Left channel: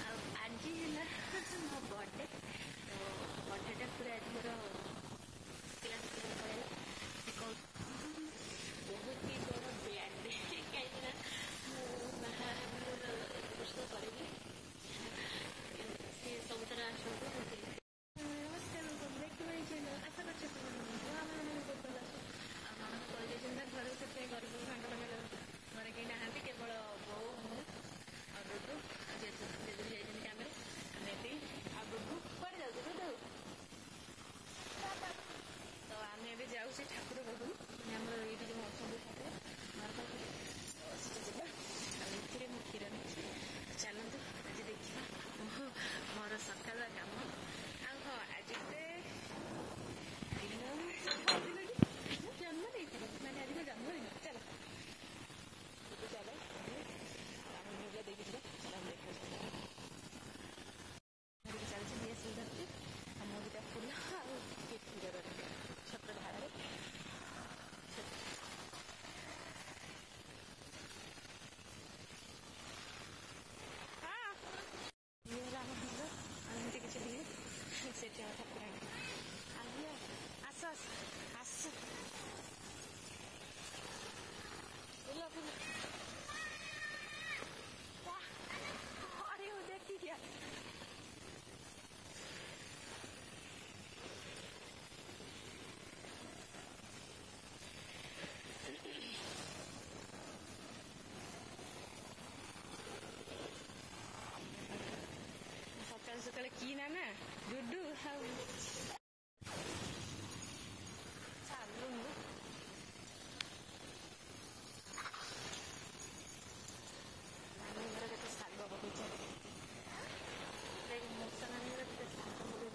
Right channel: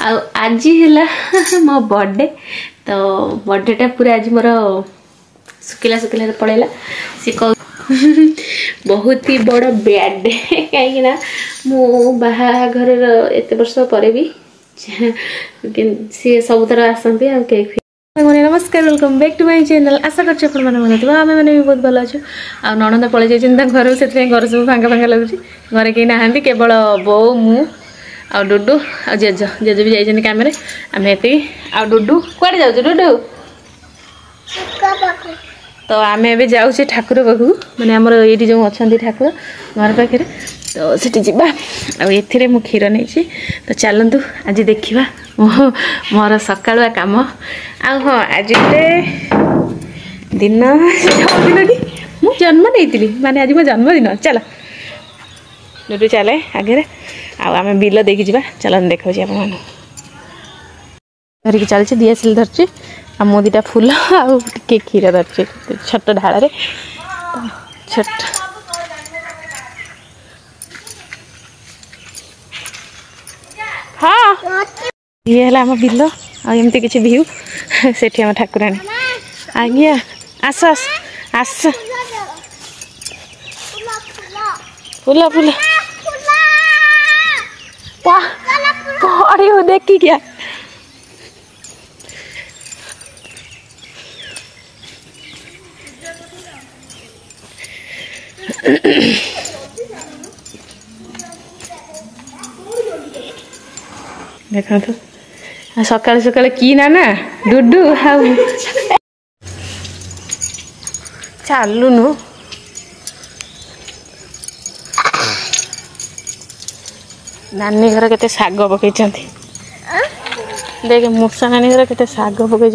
आज है मो बर्थडे तो बर्थडेटा पूरा आज मोर सुखिला सुखिला पड़ेगा सी कह बहुत ही बड़ बैड डे कहीं मो बाहाघर एत वर्ष पर भी सी सब थर आसती आ केक नमस्कार welcome back to my channel आशा करते आम मैंने भी बहुत भल अच्छे आ नणंद पलि जाइए घर से घर सब फांका फांका लगुच घरे कहीं ना केवल बो मु आ डुडू आ जेज जेज भी जाइए काम आम ये आ डुडू कड़े जाऊ डुडू तो आम ए जाऊे ठाकुर पाखु माने आमर ये जो अच्छा ठाकुर घर पाखे तो सीटी जा ए मु क्षीर नहीं तो चलतु आज देखा मोर सकालुआ कम आ हाँ आज दिन दिन कि मु जन्म नहीं माने आज मो जन्मदिन चल डुडू चले आगे आम बिल देखी जा चल देखा आप धरिकी चलती डीएसएल धरची आ मो दीटा फूल आउ टे क्षीर धरची छोट ढाल छोट हाँ ये है आम बिल आमती किसी भ्यू से आम ठाकुराणी आज्ञा आस आस आस फूल फूल पड़ी हो देखी क्या देखा तो सका सका कि ना डुडू हाउ चलुनु नानी घर के शाग पकई देख मूर्सा नानी घर के शाग पकई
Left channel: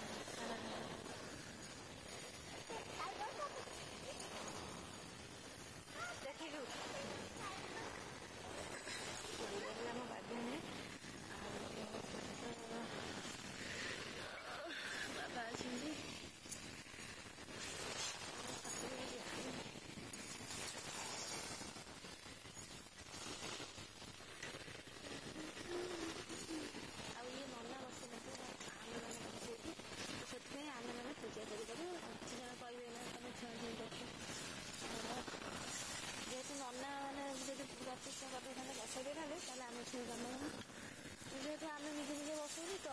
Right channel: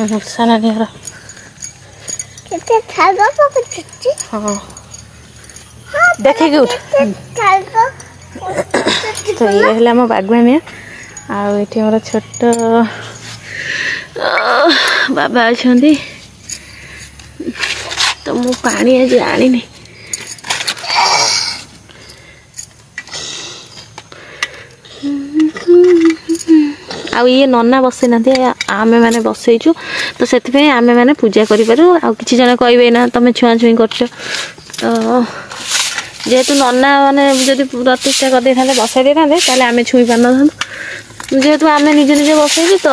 मूर्सा नानी घर हाँ देखिए उठ तो ये है आम बागवानिया आठ मोर छोट बाबा अच्छा तो मु पानी आज आनी आ ये नना बसई ना आमे मैंने बसईचु तो से आमे मैंने पूजा करूँ आ कि जन कहे ना तुम छुआ छुई कर जेहेतु नना मैंने जब प्रतिष्ठा कर दे था बसई दे था आम छुई पार न जेहेतु आम निजे निजे बसईचु तो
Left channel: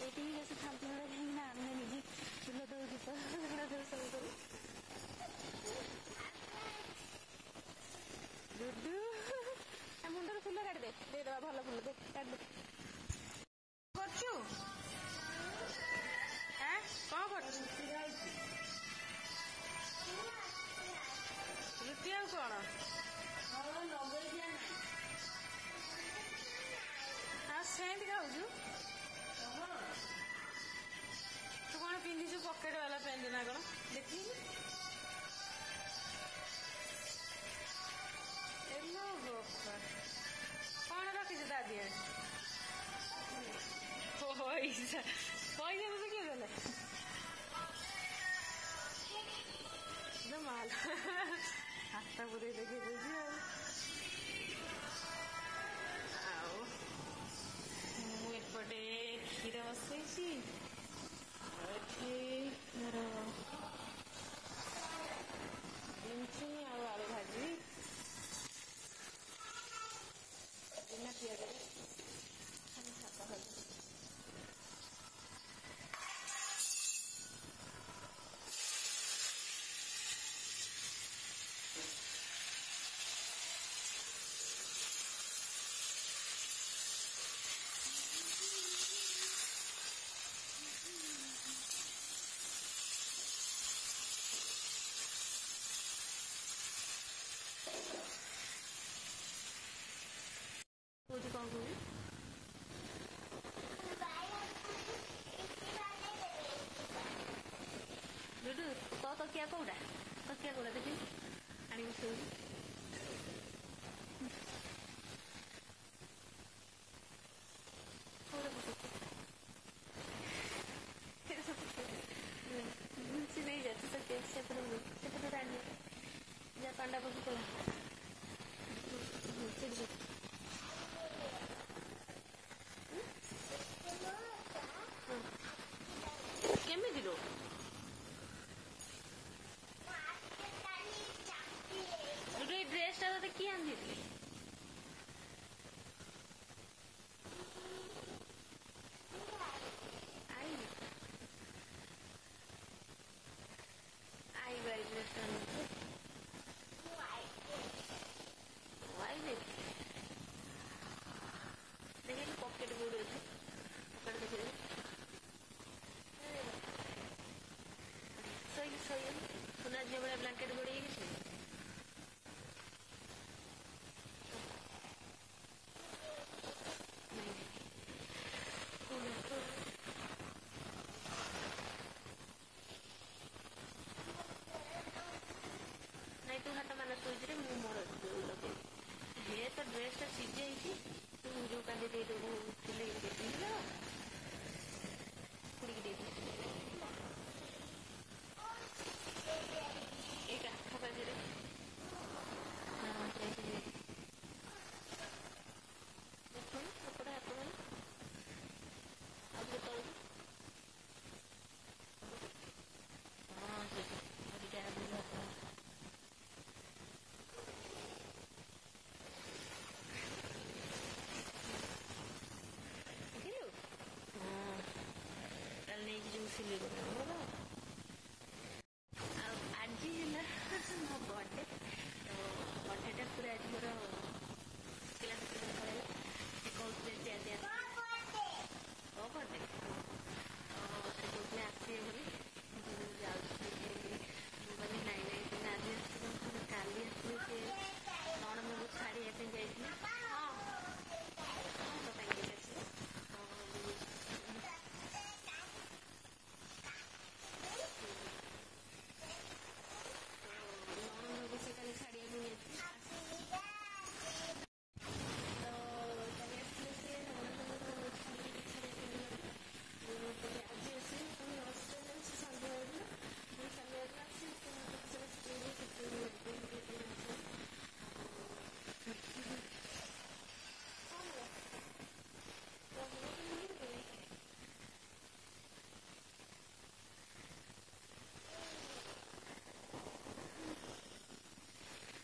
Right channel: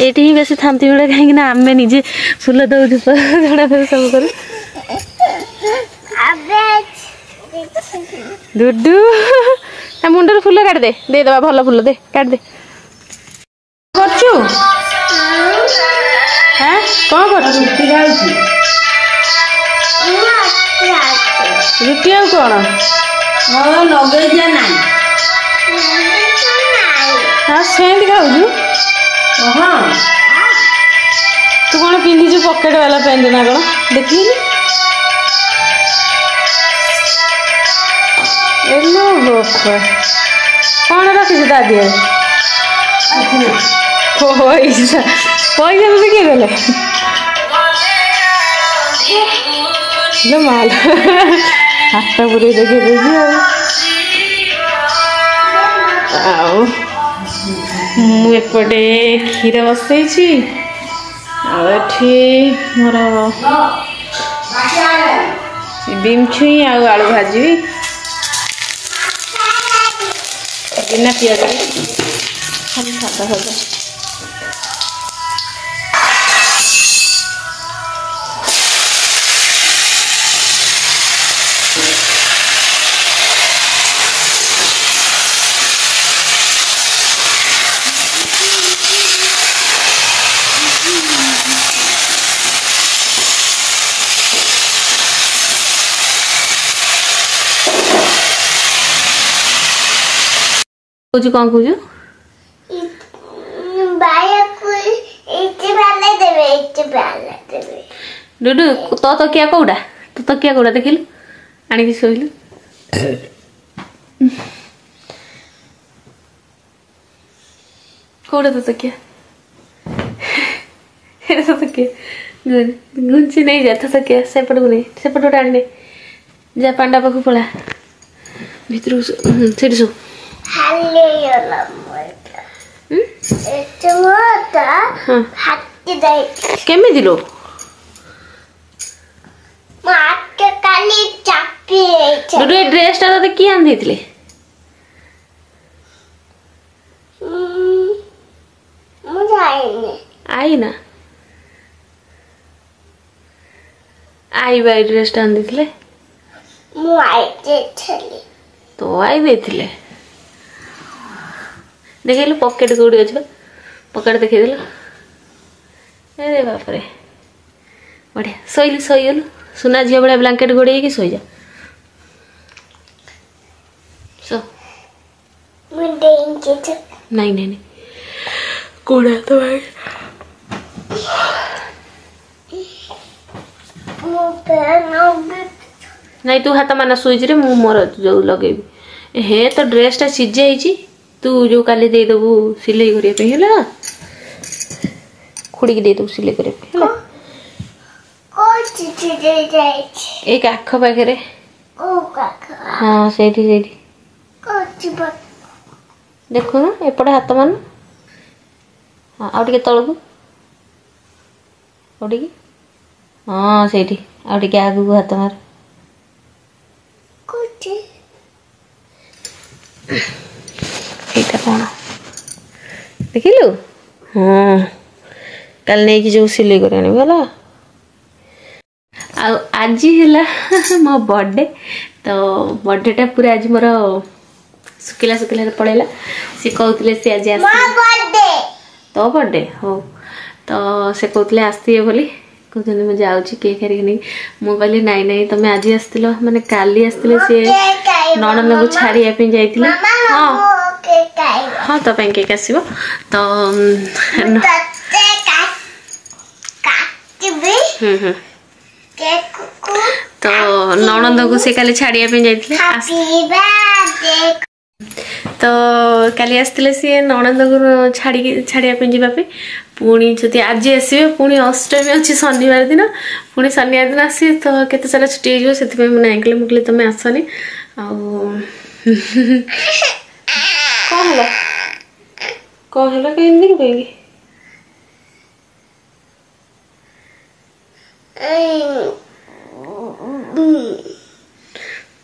ये ही बेसी थांती मिले कहीं आम निजे फूल दौ झड़ा सब कर डुडू मुंडर फूल काट दे दे दबा भल फूल दे काट दे करचु हैं कौन करचु रुटी आ कौन लगे ना हाँ सेंट खाऊ हाँ तू कौन पिंधि पकेट वाला पेंट ना कौन देखी कौन रखी दादी पैसा पैसा भी किए देले माल हाथ पूरे देखे देगी मुझे क्षीर बसई मोर बीम छुई आलू भाजी बिना पियाज खाली सादा सादा कौन कौन डुडू तो क्या कौड़ा तो क्या कौड़ा देखिलु आनिक शोलु कौड़ा तो क्या तो क्या घुंची नहीं जा तो क्या सेपट को नहीं सेपट उड़ा आने जा पांडा पाखु पड़ा भितर सेठी सो केमी लो डुडू ड्रेस टा तो किए आन देथिले आई ना आई बाई ड्रेस टा आन देथिले तो आई देथिले देखिलु पॉकेट कोडी अछि पॉकेट देखै देलो अरे बाप रे बढ़िया सोइलु सोइलु सुना झिया बड़ा ब्लैंकेट गोड़े कि सोई जा सो नहीं नहीं नहीं कोड़ा तो भाई नहीं तू हाथ माना सोई रे मु मोर जो लगेबी हे तो ड्रेस टा सिझ जाइची तू जो काली दे दबु सिलाई करिया पे हैला खुड़ी के दे दबु सिलाई करिया पे हैला एक आख पाखे हाँ से देखो ना एपटे हाथ मान हाँ आगे तलू आगे हाँ से आगू को हाथ मार एटा कौन देखिलु हाँ कल नहीं कि जो सिलाई कर गला आज है मो बर्थडे तो बर्थडेटा पूरा आज मोर सुखिला सुखिला पड़ेगा सी कहते सी आज तो बर्थडे हो तो से कहते आसती बोली कहते मुझे जाऊँगी केक हारिक नहीं मुझे कहली नाई नाई तुम आज आसतिल माने काली आसतिले सी नणंद को छाड़िया जाइए हाँ हाँ तो केक आसो तो तो नणंद को से काली छाड़िया जाइए तो काली आसते सी नणंद को छाड़िया जावाई पुणी जदि आज आसवे पुणी अष्टमी अच्छी शनिवार दिन पुणी शनिवार दिन आसवे तो केते सारा छुट्टी हो से मुझे नाई मुझे तुम आसनी कौन है कहीं कहीं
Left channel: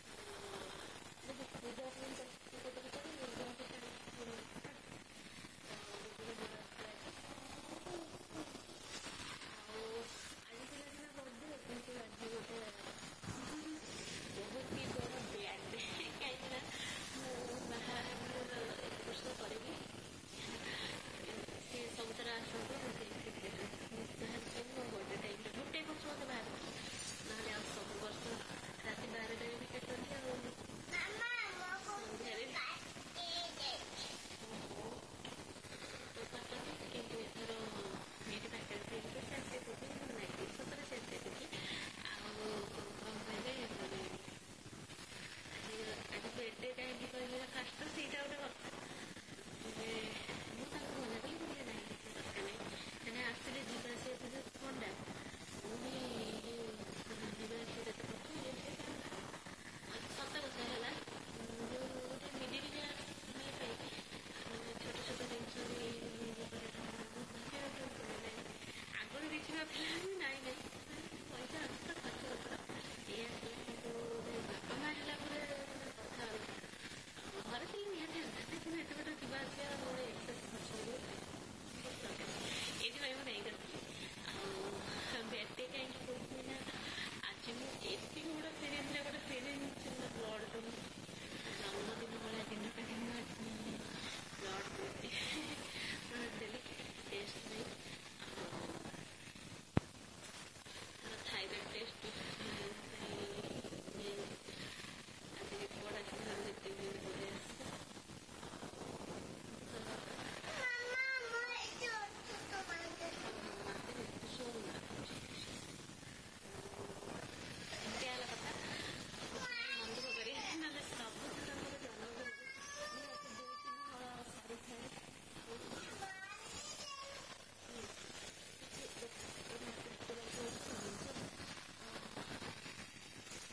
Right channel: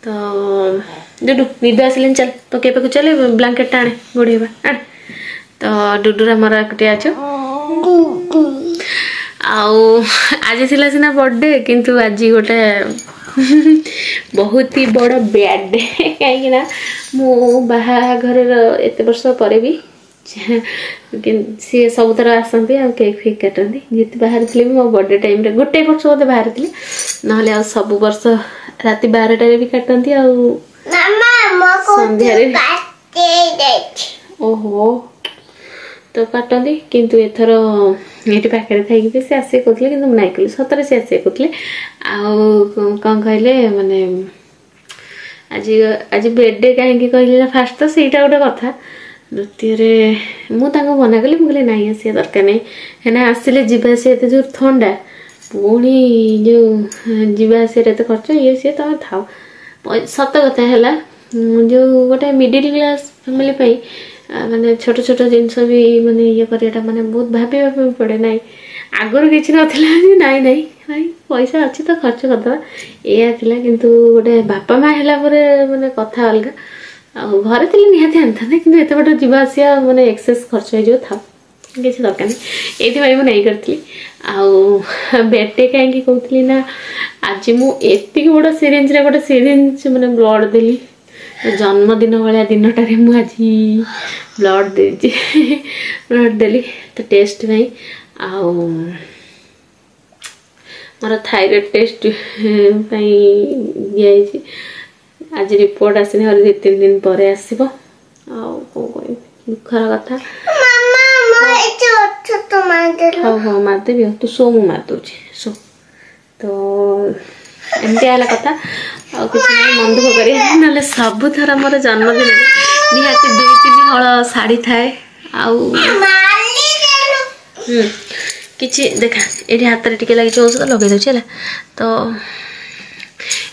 तो डुडू निद आसिले चल तो के चल ब्लैंकेट आने गोड़ेबा आने तो डुडूरा मोर एकटे आछो आज थिला सिना बर्थडे किंतु आज गोटे बहुत ही बड़ बैड डे कहीं ना मो बाहाघर एत वर्ष पर भी सी सब थर आसती आ केक फेक काटती जिते बाहर थी मो बर्थडे टाइम रे गोटे वर्ष बोधे बाहर थी ना सब वर्ष राति 12टारे भी काटती ओहो तो काटती किंतु एथर ये पाखे थी सी आसे कहते कि नाई कल सतरे सी आसे कहते कौन कहले माने आज आज बर्थडे कहीं कहले फास्ट तो सहीटा गोटे कथा द्वितीय मुझे मना कली मुझे ना आसा दरकार नहीं है आसिले जावासी एत जोर थंडा पुणी जो जावासी एत खर्च ये सी तुम थाओ सत कथा है जो गोटे मिडिल क्लास फैमिली माने छोट छोट जिनस भी माने ये करियाटा माने बहुत भाभी पड़े ना आगर किसी नाला नाई नाई भाई पैसा अच्छी तो खर्च करदे या किंतु गोटे बापा माँ है माने कथा अलग घरे थे निहाती आनी कि एत बट जावासिया माने एक्सेस खर्च हो था किसी दरकार नहीं ये मुझे नहीं करी बेटे कहीं कहती ना आज मुझे बड़ सिरिंज गोटे सिरिंज माने ब्लड देली जन्मदिन भाया दिनटारे मुझे ब्लड दे ब्लड देली तो टेस्ट नहीं मोर थायराइड टेस्ट दिखाई आज रिपोर्ट आसनी और 2-3 दिन पर आसो दुखर कथा हाँ हाँ मारदेवी तू शो मु मारदे शो तो एमती है कथा मन दुख कर सब थर मोर जन्मदिन निहाती 2-3 हल शाढ़ी थाए कि देखा ये हाथ में टे लगे औषध लगे दूसरी है तो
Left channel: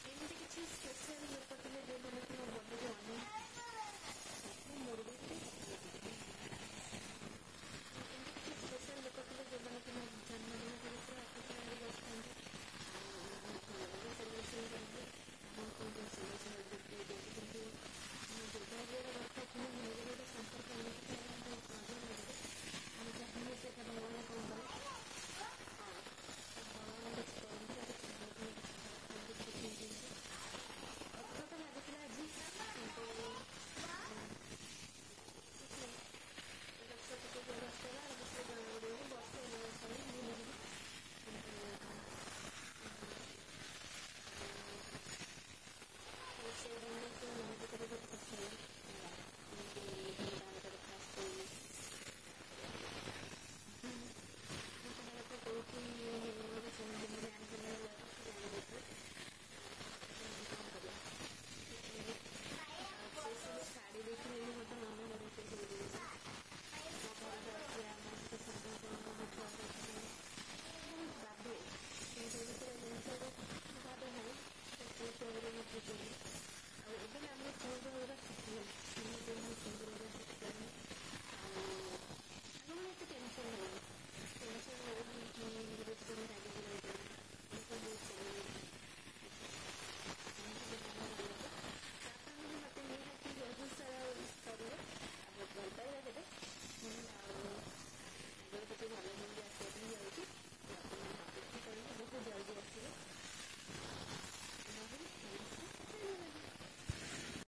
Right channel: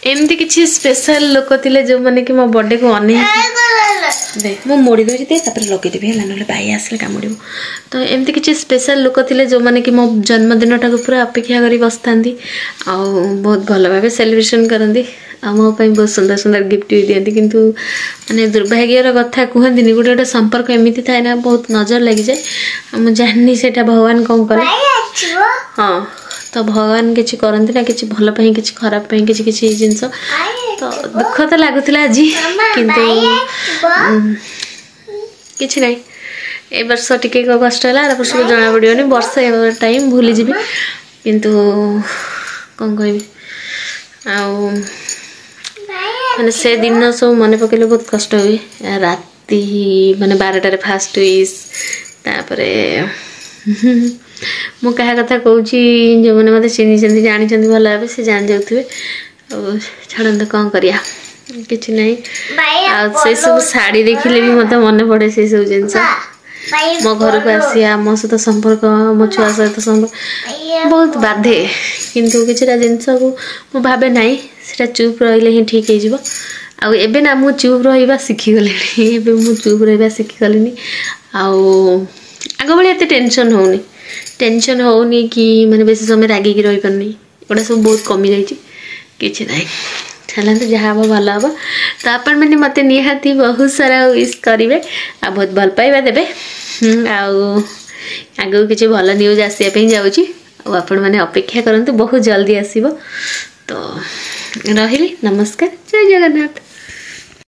एमती किसी स्पेशल लोक थे जो मैंने कि मो बर्थडे को अने देख मु मोड़ी दूसरी दे लगेदेवी है ना भाई आसले कामुड़ तो एमती किसी स्पेशल लोक थे जो मैंने कि मो जन्मदिन टाक पूरा अपेक्षा कर बस था बहुत भल भाव सेलिब्रेशन करती मोपाई बहुत सुंदर सुंदर गिफ्ट भी दिखती किंतु माने दुर्भाग्यर कथा कहती गोटे गोटे संपर्क एमती थाए ना बहुत नजर लगी जाए मुझे जानी से भगवान कौन करे हाँ तो भगवान किसी करती ना किसी भल किसी खराब किसी किसी जिनस तो दुख तो लगुला आज किंतु किसी ना ए वर्ष टिके कष्ट है आर वर्ष को जना पड़ोनी वर्ष टाइम भूली जी किंतु कौन कह माने से दिन सब मन पकड़े बहुत कष्ट हुए राति माने 12टार फास्ट विश तापरे मु क्या कथा कहूँ जो मैंने मत चिन्ह जानी भल भाव से जान जाऊे छाड़ कौन करिया किसी ना से सब शाड़ी देखिले भी मत मन पड़े से सब जिनस मो घर को आसिया मो सहित संपर्क मो छुआ सहित संपर्क बहुत बाधे किंतु किसी जिनस को मु भावे ना से चुप रही ही ठीक हो आबे ना मु चुप रहा शिखिगले मु चुप रहा शिखिगली आग भाई एत टेंशन होनी कि मैंने बेसी समय रागिकी रही पारनी गोटा सब बहुत कमी जाइए किसी ना चलते जहाँ हम भल हम तो आपण मैंने मत निहाती बहुत सारा विश करेंगे आ बहुत भल पाइबा देवे आगे किसी भल न्यूज आसापी जाऊँगी आपण मैंने अपेक्षा करंतु बहुत जल्दी आसीबो तो रही नमस्कार जय जगन्नाथ।